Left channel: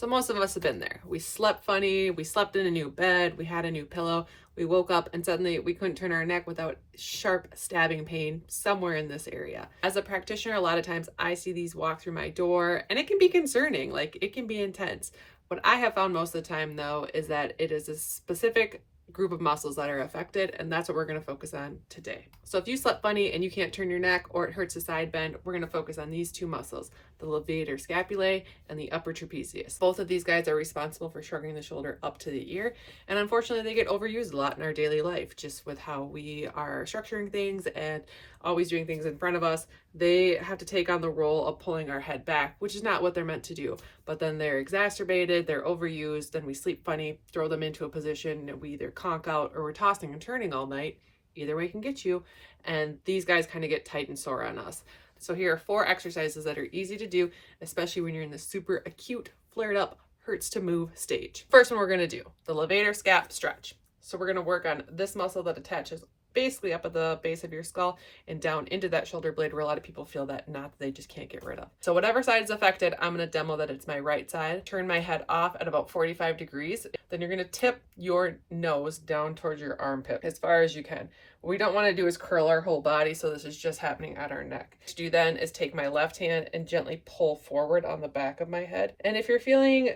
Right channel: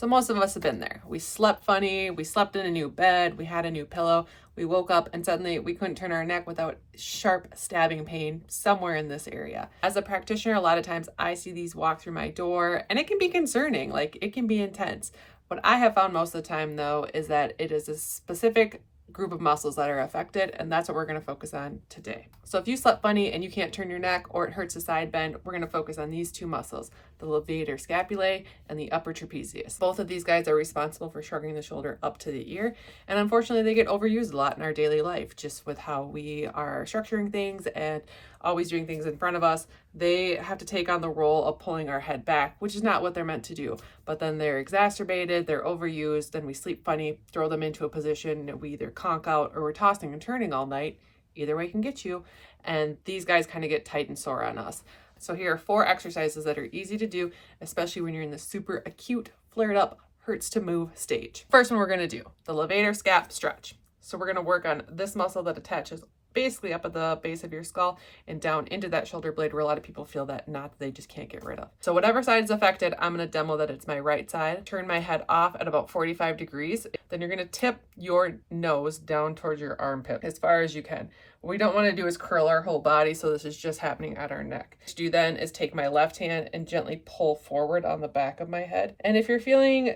So most of us have been there. We slept funny, we slept in a new bed, we had a new pillow, we woke up and suddenly we couldn't turn our neck without sharp stabbing pain somewhere in this area. As a practitioner, a lot of times I see these walk through my door and it can be concerning, like it can be intense. What I have found most of the time though is that it is a specific group of muscles that are affected, and that's what we're going to focus on today. So if you slept funny and you can't turn your neck or it hurts a side bend, we're going to focus on these two muscles, the levator scapulae and the upper trapezius. Both of these guys are responsible for shrugging the shoulder up to the ear, and unfortunately they get overused a lot in our daily life just with how we are structuring things and always doing things in front of us. They have to take on the role of pulling our head back, which is not what they're meant to do. But then they're exacerbated, they're overused, then we sleep funny, throw them into a position that we either conk out or we're tossing and turning all night. Either way can get you. And these guys kind of get tight and sore on us. So here are 4 exercises that are easy to do, especially when you're in the super acute, flared up, hurts to move stage. First one we're going to do, the levator scap stretch. So we're going to work on this muscle that attaches basically up at the base of your skull and down into that shoulder blade where a lot of people feel that knot that they just can't get rid of. So whatever side is affected, I'm going to demo that it's my right side. Turn my head off at about 45 degrees. Then you're going to tip your nose down towards your armpit as far as you can. What we don't want to do is curl our whole body, so this is just happening at our neck. What to do then is take my left hand and gently pull forward on the back of my head. And if you're feeling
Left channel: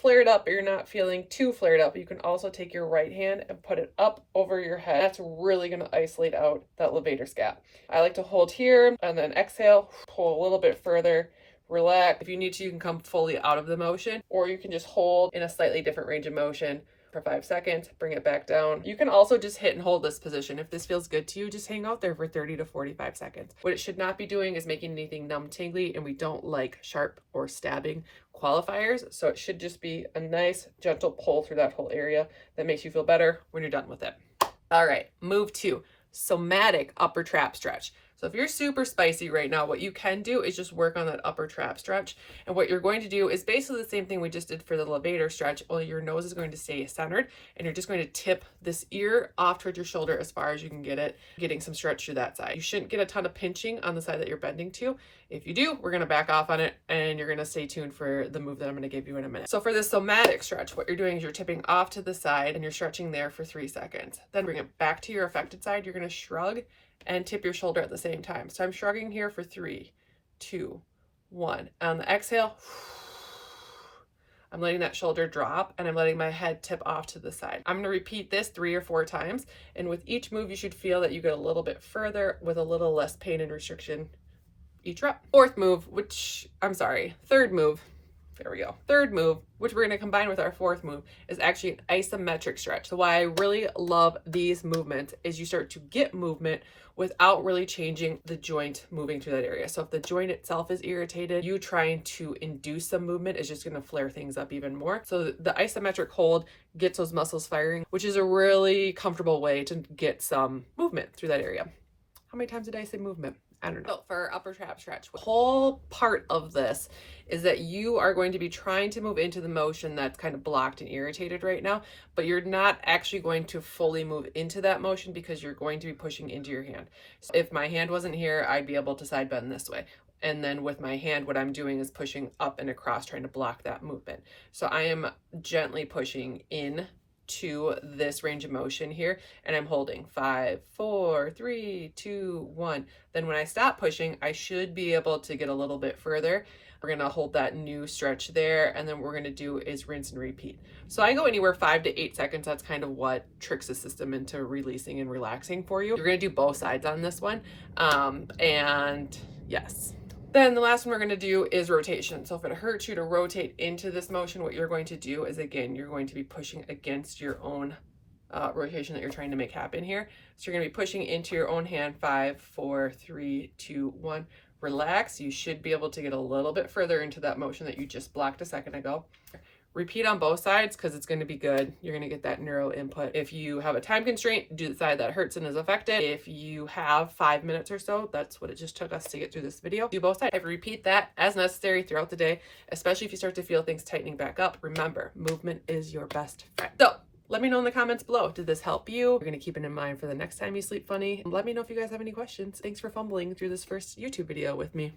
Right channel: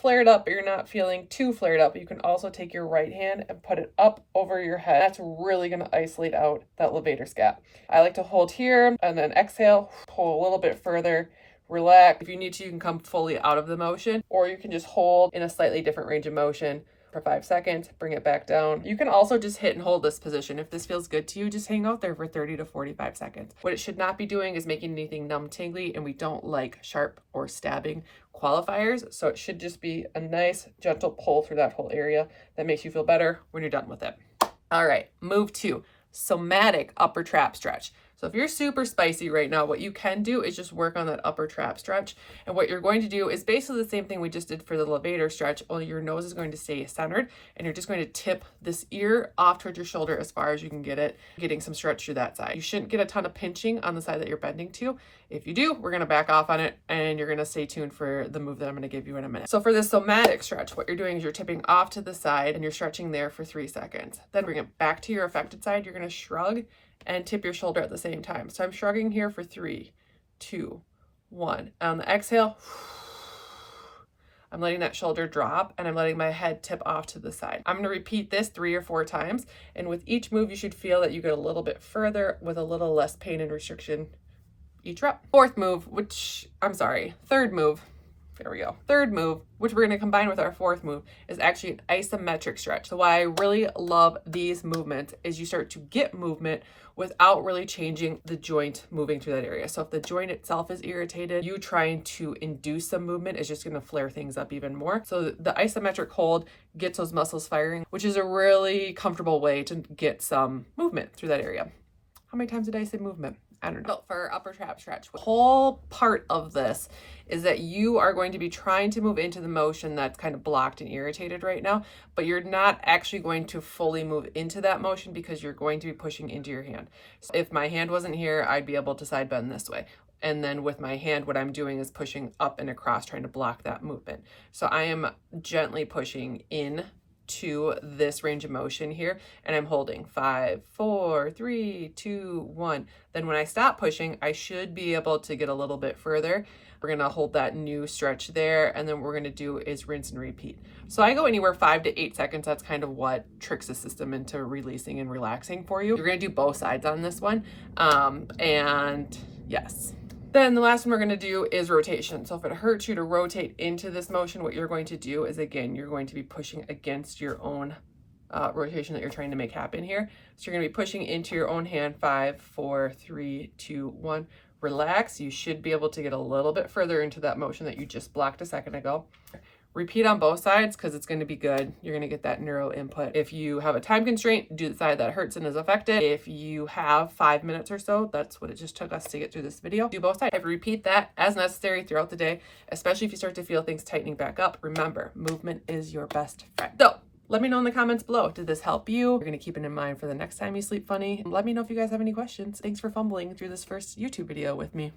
flared up, but you're not feeling too flared up, you can also take your right hand and put it up over your head. That's really going to isolate out that levator scap. I like to hold here and then exhale, pull a little bit further, relax. If you need to, you can come fully out of the motion, or you can just hold in a slightly different range of motion for 5 seconds, bring it back down. You can also just hit and hold this position. If this feels good to you, just hang out there for 30 to 45 seconds. What it should not be doing is making anything numb, tingly, and we don't like sharp or stabbing qualifiers. So it should just be a nice, gentle pull through that whole area that makes you feel better when you're done with it. All right, move to somatic upper trap stretch. So if you're super spicy right now, what you can do is just work on that upper trap stretch. And what you're going to do is basically the same thing we just did for the levator stretch, only your nose is going to stay centered and you're just going to tip this ear off towards your shoulder as far as you can get it, getting some stretch through that side. You shouldn't get a ton of pinching on the side that you're bending to. If you do, we're going to back off on it and you're going to stay tuned for the move that I'm going to give you in a minute. So for this somatic stretch, what you're doing is you're tipping off to the side and you're stretching there for 3 seconds. Then bring it back to your affected side. You're going to shrug and tip your shoulder at the same time. So I'm shrugging here for 3, 2, 1. On the exhale, I'm letting that shoulder drop and I'm letting my head tip off to the side. I'm going to repeat this 3 or 4 times. And with each move, you should feel that you get a little bit further with a little less pain and restriction each rep. Third move, there we go. Third move, which we're going to combine with our 4th move, is actually an isometric stretch. So why I really love these movements is you start to get movement without really changing the joint moving through that area. So if the joint itself is irritated, you trying to induce some movement is just going to flare things up even more. So the isometric hold gets those muscles firing, which is a really comfortable way to get some movement through that area. How many times did I say movement? I don't know. So for upper trap stretch, the whole part of this is that you are going to be trying to move into the motion that's kind of blocked and irritated right now, but you're not actually going to fully move into that motion because you're going to be pushing into your hand. So if my hand wasn't here, I'd be able to side bend this way. And then with my hand, what I'm doing is pushing up and across, trying to block that movement. So I am gently pushing in to this range of motion here, and I'm holding 5, 4, 3, 2, 1. Then when I stop pushing, I should be able to get a little bit further. We're going to hold that new stretch there, and then what we're going to do is rinse and repeat. So I go anywhere 5 to 8 seconds. That's kind of what tricks the system into releasing and relaxing for you. You're going to do both sides on this one. And yes. Then the last one we're going to do is rotation. So if it hurts you to rotate into this motion, what you're going to do is, again, you're going to be pushing against your own rotation that you're trying to make happen here. So you're going to be pushing into your own hand. 5, 4, 3, 2, 1. Relax. You should be able to get a little bit further into that motion that you just blocked a second ago. Repeat on both sides because it's going to be good. You're going to get that neuro input. If you have a time constraint, do the side that hurts and is affected. If you have 5 minutes or so, that's what it just took us to get through this video. Do both sides. Repeat that as necessary throughout the day, especially if you start to feel things tightening back up. Remember, movement is your best friend. So let me know in the comments below. Did this help you? You're going to keep it in mind for the next time you sleep funny. And let me know if you guys have any questions. Thanks for fumbling through this first YouTube video with me.